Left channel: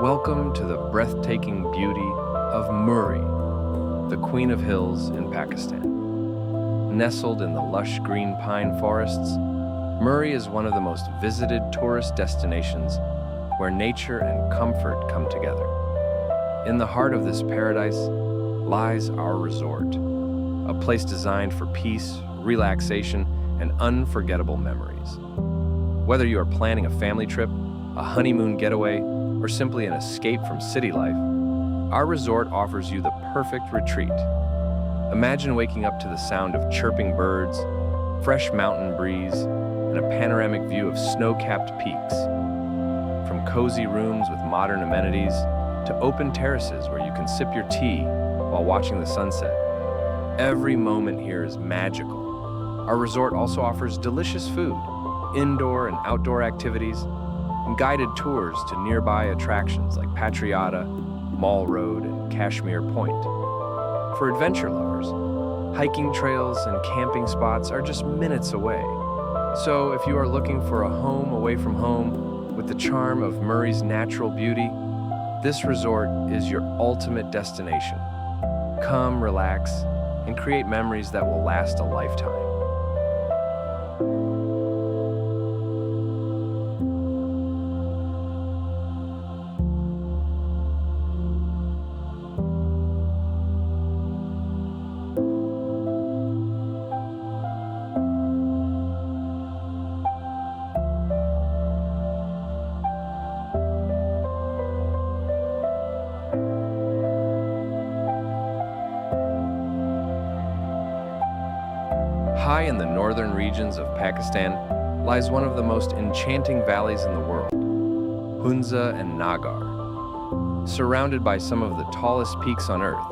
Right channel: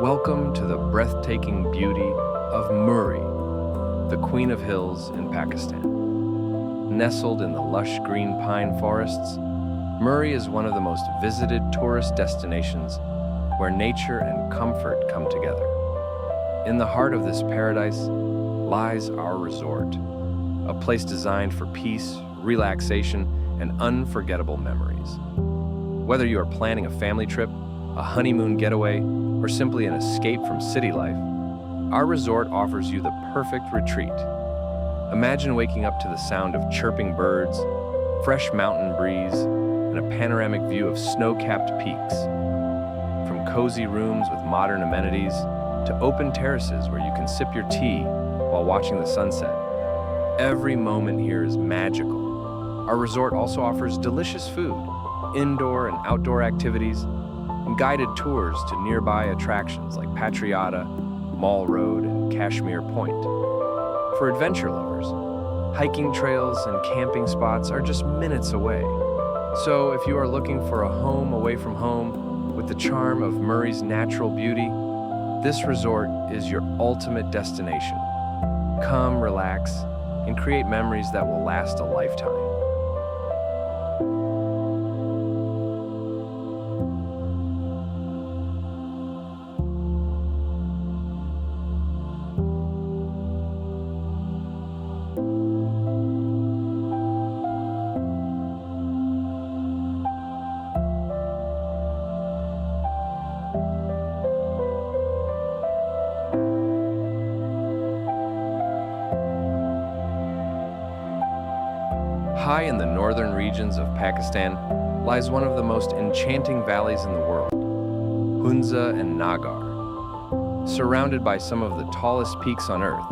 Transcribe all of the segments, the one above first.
Welcome to the breathtaking beauty of Murree, the Queen of Hills in Pakistan. Nestled in the lush green pine forests, Murree is one of the most visited tourist destinations where nature and comfort come together. In the heart of this paradise lies our resort, a place designed for peace, relaxation, and unforgettable memories. Whether you are planning a family trip, a honeymoon getaway, or simply an escape from city life, our resort offers you the perfect retreat. Imagine waking up to the sound of chirping birds, fresh mountain breeze, and a panoramic view of snow-capped peaks. From cozy rooms with modern amenities to open terraces where you can sip your tea while watching the sunset, every moment here is magical. Our resort also offers delicious food, indoor and outdoor activities, and guided tours to nearby attractions like Patriata, Mall Road, and Kashmir Point. For adventure lovers, hiking trails and camping spots are just minutes away. So if you are looking for a home away from home with the charm of Murree's natural beauty, this resort is your ultimate destination. Come, relax, and create memories that will last a lifetime. High in the northern regions of Pakistan lies one of the most enchanting valleys in the world, Hunza and Nagar. Surrounded by some of the tallest peaks on Earth,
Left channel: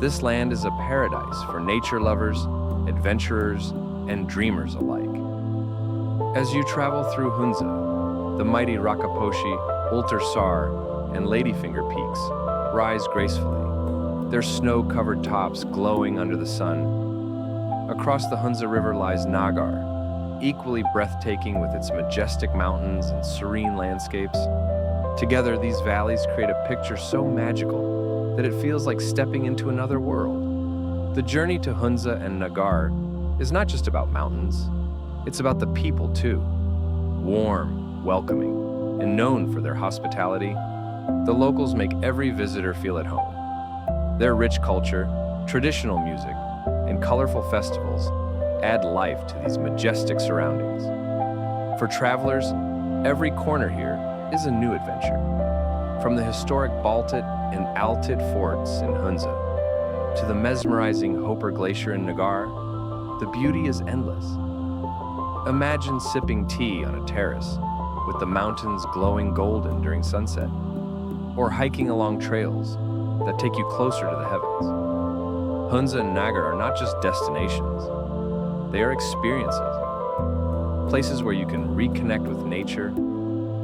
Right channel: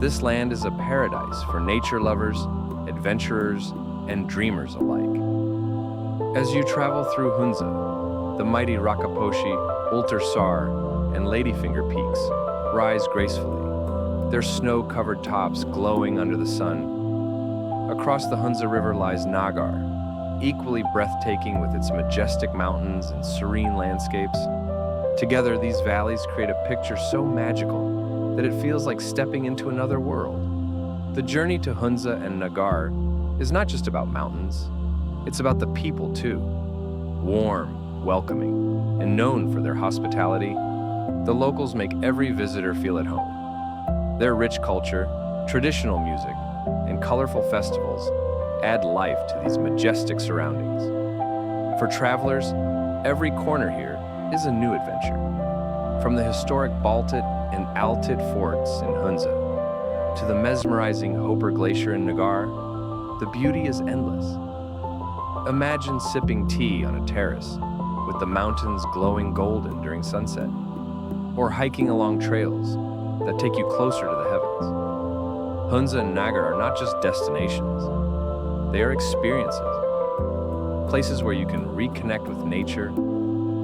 this land is a paradise for nature lovers, adventurers, and dreamers alike. As you travel through Hunza, the mighty Rakaposhi, Ulter Sar, and Ladyfinger peaks rise gracefully, their snow-covered tops glowing under the sun. Across the Hunza River lies Nagar, equally breathtaking with its majestic mountains and serene landscapes. Together, these valleys create a picture so magical that it feels like stepping into another world. The journey to Hunza and Nagar is not just about mountains, it's about the people too. Warm, welcoming, and known for their hospitality, the locals make every visitor feel at home. Their rich culture, traditional music, and colorful festivals add life to these majestic surroundings. For travelers, every corner here is a new adventure. From the historic Baltit and Altit forts in Hunza to the mesmerizing Hoper Glacier in Nagar, the beauty is endless. Imagine sipping tea on a terrace with the mountains glowing golden during sunset, or hiking along trails that take you closer to the heavens. Hunza and Nagar are not just destinations, they are experiences. Places where you can reconnect with nature,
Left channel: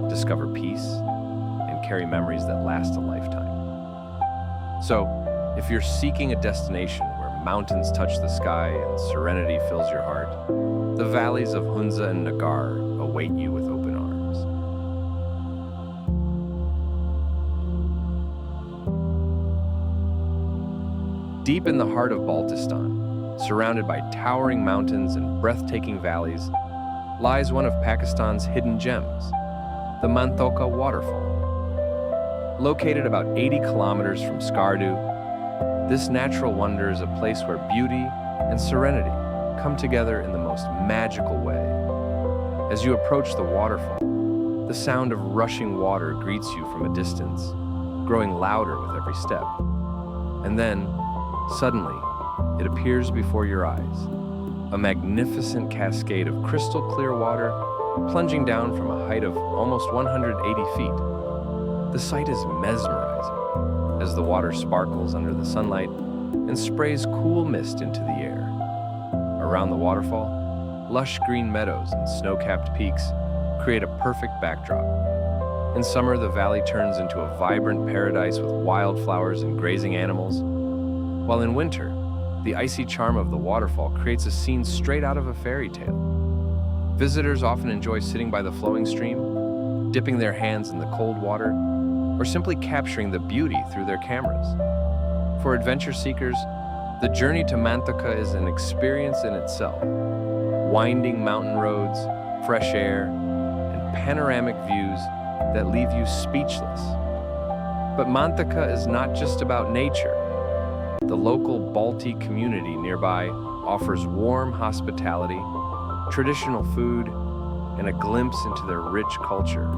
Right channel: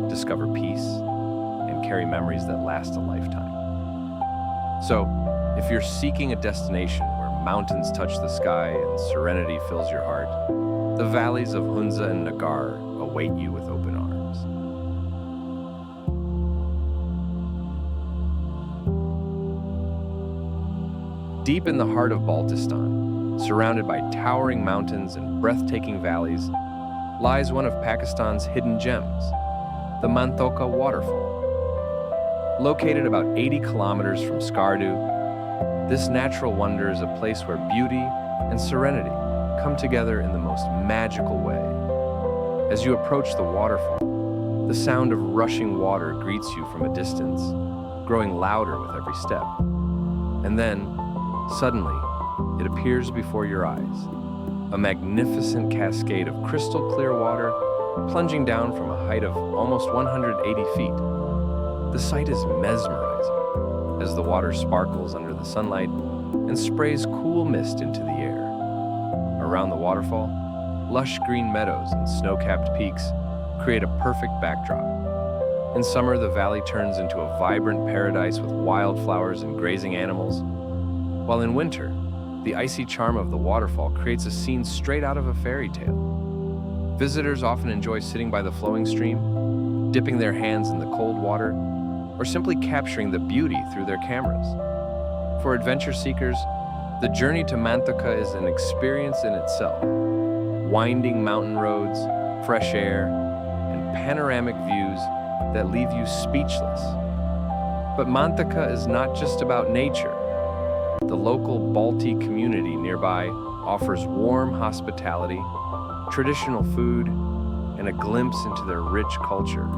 discover peace, and carry memories that last a lifetime. So, if you're seeking a destination where mountains touch the sky and serenity fills your heart, the valleys of Hunza and Nagar await you with open arms. Deep in the heart of Baltistan, surrounded by towering mountains and breathtaking valleys, lies one of Pakistan's hidden gems, the Mantoka waterfall. Located about 80 kilometers from Skardu, this natural wonder is a place where beauty and serenity come together in the most magical way. As you approach the waterfall, the sound of rushing water greets you from a distance, growing louder with every step. And then, suddenly, it appears before your eyes, a magnificent cascade of crystal clear water plunging down from a height of almost 180 feet. The sight is mesmerizing as the water sparkles under the sunlight and sprays cool mist into the air. Around the waterfall, lush green meadows and snow-capped peaks create a perfect backdrop. In summer, the valley turns into a vibrant paradise with wildflowers and grazing animals, while in winter, the icy charm of the waterfall creates a scene straight out of a fairy tale. Visitors often enjoy sitting by the flowing stream, dipping their hands in the cold water, or simply capturing the beauty through their cameras. For adventure seekers, the journey to Manthoqa is an experience in itself. Winding mountain roads, fresh air, and panoramic views that leave you speechless. But Manthoqa is not just about nature. The local Balti community nearby offers warm hospitality, traditional food, and a glimpse into their rich culture.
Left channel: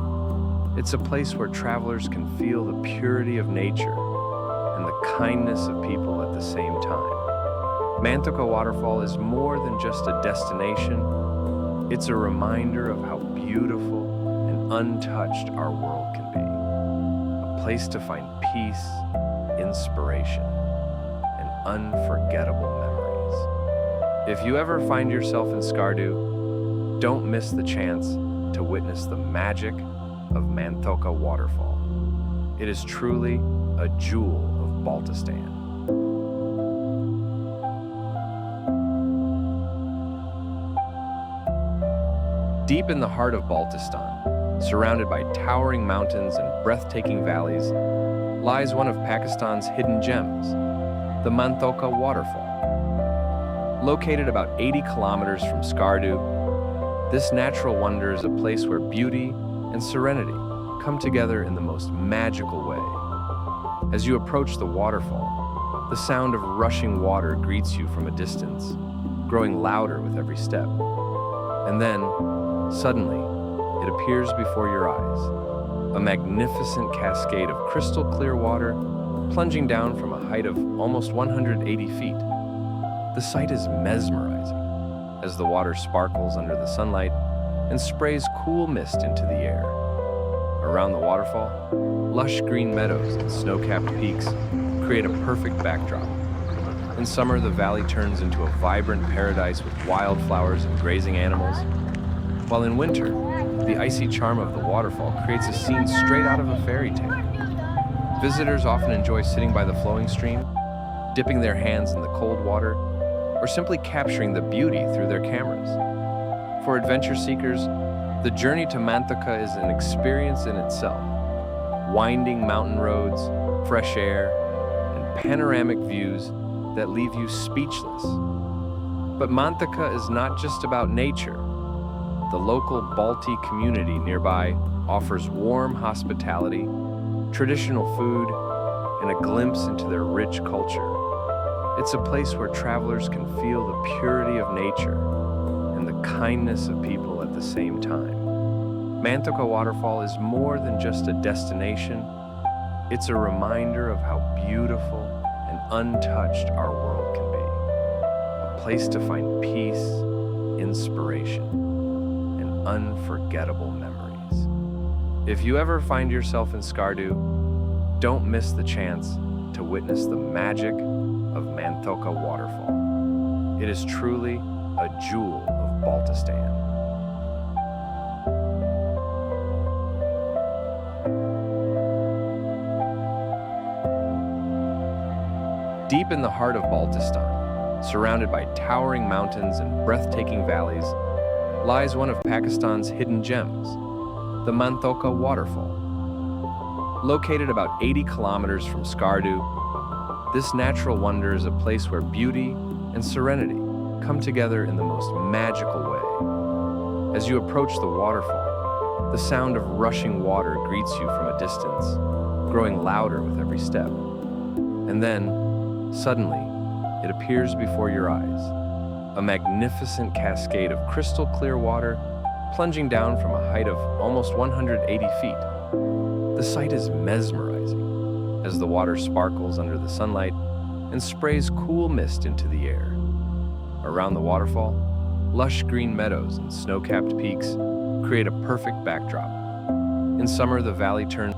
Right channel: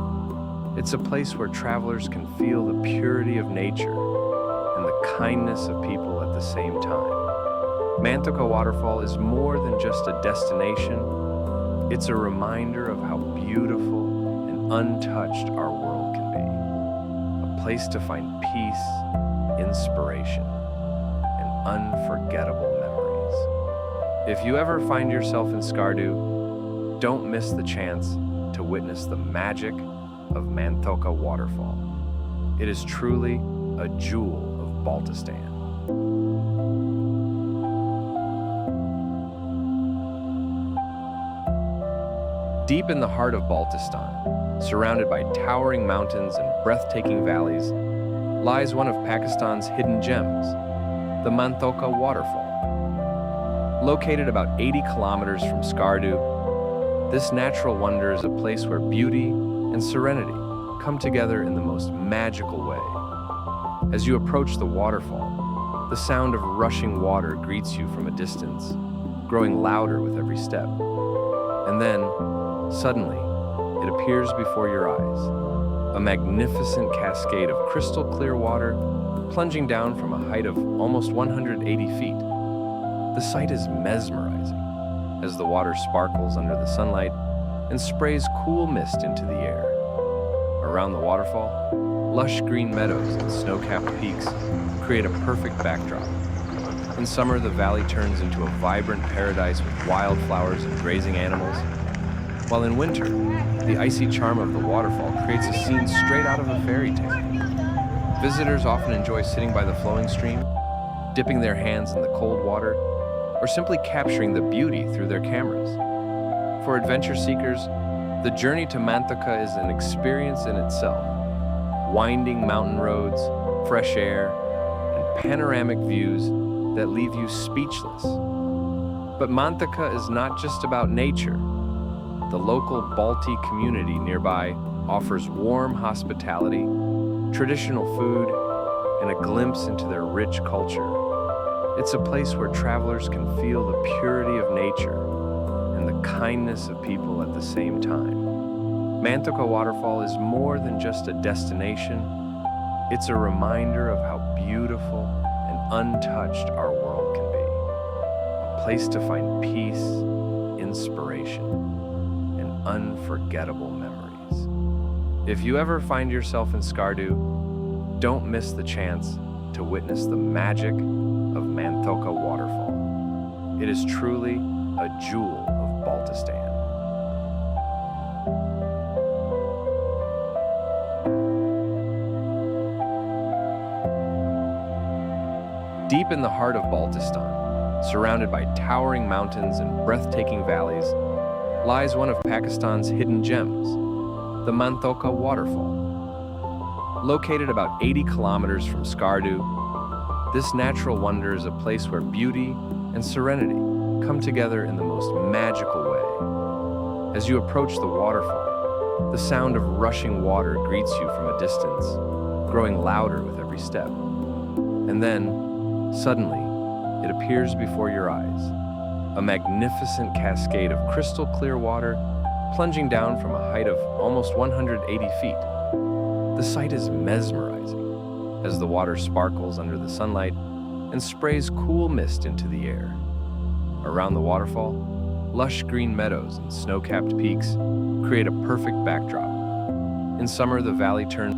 It's a place where travelers can feel the purity of nature and the kindness of people at the same time. Manthoqa Waterfall is more than just a destination. It's a reminder of how beautiful and untouched our world can be. A place to find peace, inspiration, and unforgettable memories. If you ever find yourself in Skardu, don't miss the chance to witness the magic of Manthoqa Waterfall. It is truly a jewel of Baltistan. Deep in the heart of Baltistan, surrounded by towering mountains and breathtaking valleys, lies one of Pakistan's hidden gems, the Manthoqa Waterfall. Located about 80 kilometers from Skardu, this natural wonder is a place where beauty and serenity come together in the most magical way. As you approach the waterfall, the sound of rushing water greets you from a distance, growing louder with every step. And then, suddenly, it appears before your eyes, a magnificent cascade of crystal clear water plunging down from a height of almost 180 feet. The sight is mesmerizing as the water sparkles under the sunlight and sprays cool mist into the air. Around the waterfall, lush green meadows and snow-capped peaks create a perfect backdrop. In summer, the valley turns into a vibrant paradise with wildflowers and grazing animals, while in winter, the icy charm of the waterfall creates a scene straight out of a fairy tale. Visitors often enjoy sitting by the flowing stream, dipping their hands in the cold water, or simply capturing the beauty through their cameras. For adventure seekers, the journey to Manthoqa is an experience in itself. Winding mountain roads, fresh air, and panoramic views that leave you speechless. But Manthoqa is not just about nature. The local Balti community nearby offers warm hospitality, traditional food, and a glimpse into their rich culture. It's a place where travelers can feel the purity of nature and the kindness of people at the same time. Manthoqa Waterfall is more than just a destination. It's a reminder of how beautiful and untouched our world can be. A place to find peace, inspiration, and unforgettable memories. If you ever find yourself in Skardu, don't miss the chance to witness the magic of Manthoqa Waterfall. It is truly a jewel of Baltistan. Deep in the heart of Baltistan, surrounded by towering mountains and breathtaking valleys, lies one of Pakistan's hidden gems, the Manthoqa Waterfall. Located about 80 kilometers from Skardu, this natural wonder is a place where beauty and serenity come together in the most magical way. As you approach the waterfall, the sound of rushing water greets you from a distance, growing louder with every step. And then, suddenly, it appears before your eyes, a magnificent cascade of crystal clear water plunging down from a height of almost 180 feet. The sight is mesmerizing as the water sparkles under the sunlight and sprays cool mist into the air. Around the waterfall, lush green meadows and snow-capped peaks create a perfect backdrop. In summer, the valley turns